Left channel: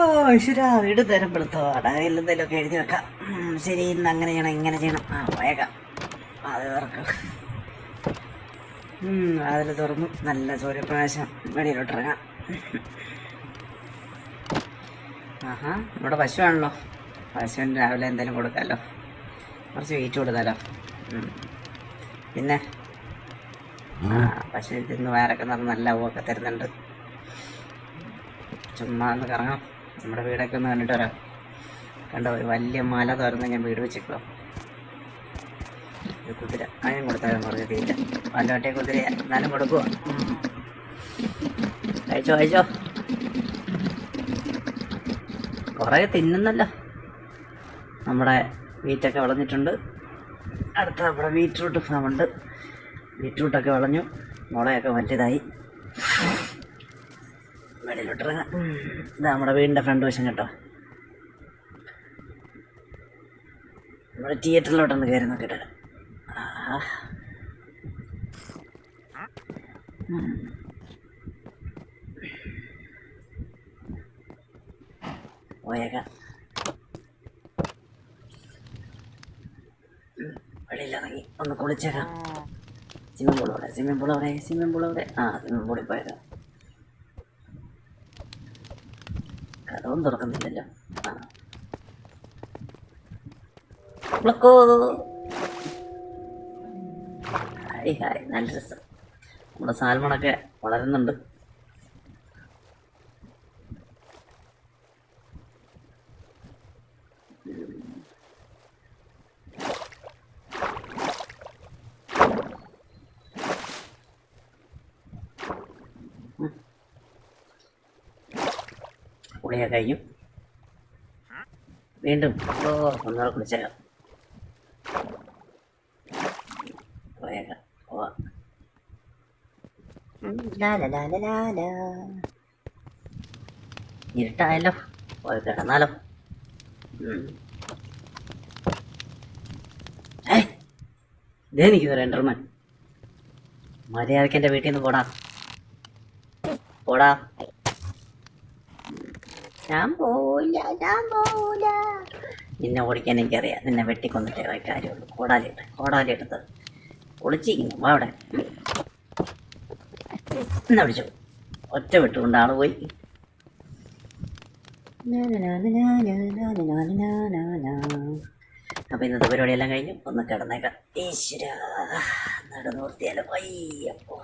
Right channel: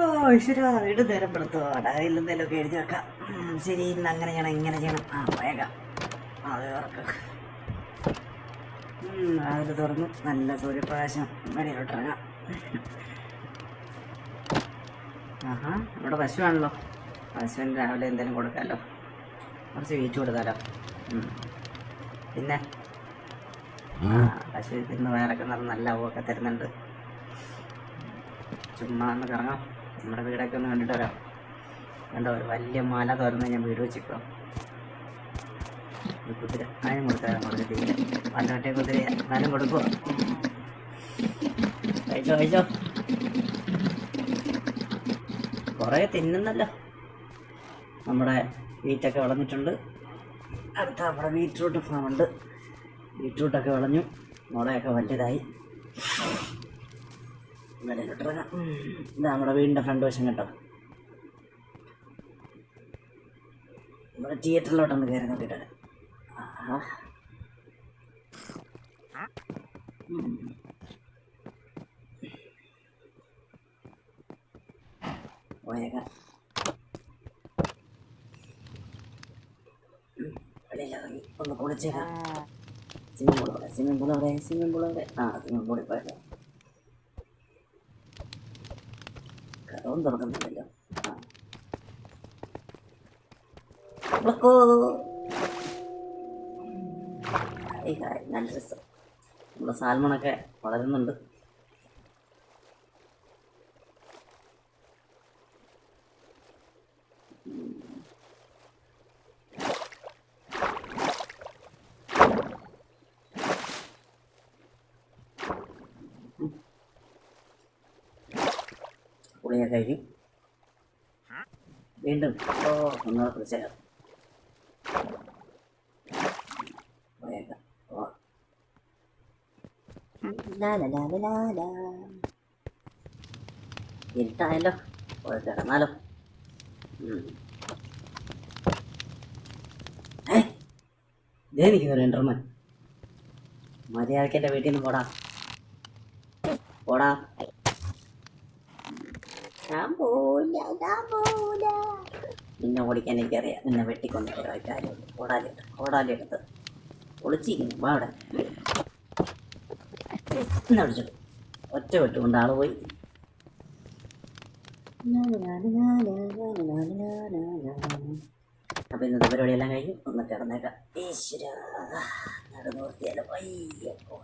ഓ ഈശ്വരാ, വീട് നേരം പെടുത്തോടാ. എന്തെങ്കിലുമൊക്കെ എഴുതി വെക്കാം. ശരി, ഇന്ന് അങ്ങനെ ചെയ്യണം, ഇങ്ങനെ ചെയ്യണം. വേഗം അത് ഓർക്കാം. അതിൽ തുറന്നു നല്ല സൂര്യപ്രകാശം വെളിയിലോട്ടിറങ്ങാം. ആഹാ, നമ്മുടെ പശുവാണല്ലോ. പശുവിന് രാവിലെ എന്തെങ്കിലും കൊടുക്കാമല്ലോ, കുറച്ച് വീറ്റ് കൊടുക്കാമല്ലോ. പിന്നെ പശു തിന്ന് വയറൊക്കെ നല്ല പൂവൊക്കെ തരുന്നുണ്ട്. ചുമ്മാ ഒന്ന് കറങ്ങാം, നമ്മുടെ വീടൊക്കെ ഒന്ന് കണ്ടിട്ട് വരാം. കണ്ടോ, ഒരു വലിയ മല തുറന്ന് ഞാൻ വീട് വെച്ചിട്ടോ. കുതിര അതിനും കൊടുത്താലും കൊടുക്കത്തില്ല. പാലാട്ടെ കുതിര എന്നാലും കൊടുക്കുമോ? അയച്ചോ അയച്ചോ, കുറേ തിന്നുന്നല്ലോ. നമ്മുടെ വീറ്റൊക്കെ വിളഞ്ഞിട്ടുണ്ട്. അടുത്ത നമ്മുടെ ബീറ്റ്റൂട്ട് ഫാമുണ്ട്. ബീറ്റ്റൂട്ടൊക്കെ വിളഞ്ഞു, മുളയൊക്കെ വറ്റിയതായി. വെളിയിലോട്ടിറങ്ങാം. ഇതാ നമ്മുടെ വീടിൻ്റെ ഫ്രണ്ട് വശം കേട്ടോ. നമ്മുടെ തിയേറ്ററിലോട്ടൊന്ന് കയറി നോക്കിയിട്ട് വരാം. പോയേക്കാം. വെളിയിലിറങ്ങി ഒന്ന് കുളിച്ചേക്കാം. സ്വിമ്മിംഗ് പൂൾ അവിടെ, സ്വിമ്മിംഗ് പൂൾ അവിടെ, സ്വിമ്മിംഗ് പൂൾ അവിടെ. സ്വിമ്മിംഗ് പൂളിൽ പോയേക്കാം. കഥവും തുറക്കുന്നില്ലല്ലോ. ഹായ് ഹായ്, നല്ല രസം. നമ്മുടെ സാൽമണൊക്കെ വളരുന്നുണ്ട്. കുളിയൊക്കെ കഴിഞ്ഞു. വീണ്ടും ഒന്നുകൂടെ കുളിച്ചേക്കാം. പോയേക്കാം. ഇരുട്ടായല്ലോ, പോയി കിടന്നാലോ. ഇതേ നിൽക്കുന്നു രണ്ടർമ്മൻ. മര്യാദയ്ക്ക് എൻ്റെ വീട്ടിൽ നിന്ന് പോടാ പോടാ. ഞാൻ പോവില്ല, ഞാൻ പോവില്ല. നിന്നെ ഓടിക്കാൻ എനിക്കറിയാം. നിന്നെ വെട്ടിക്കൊണ്ടിട്ടേ കാര്യമുള്ളൂ. കോടാലി എടുത്ത് ഒളിച്ചിരിക്കുന്നു. അവിടെ എന്നാ വിളിച്ചു, ഒറ്റ വിട്ടുകൊണ്ട് ആള് പോയി. അപ്പൊ ഇന്നത്തെ പരിപാടിയെല്ലാം കഴിഞ്ഞു. ഒന്ന് കിടന്നേക്കാം. ഈശ്വര, നടന്നു നിർത്തിയാലോ. അയ്യപ്പോ.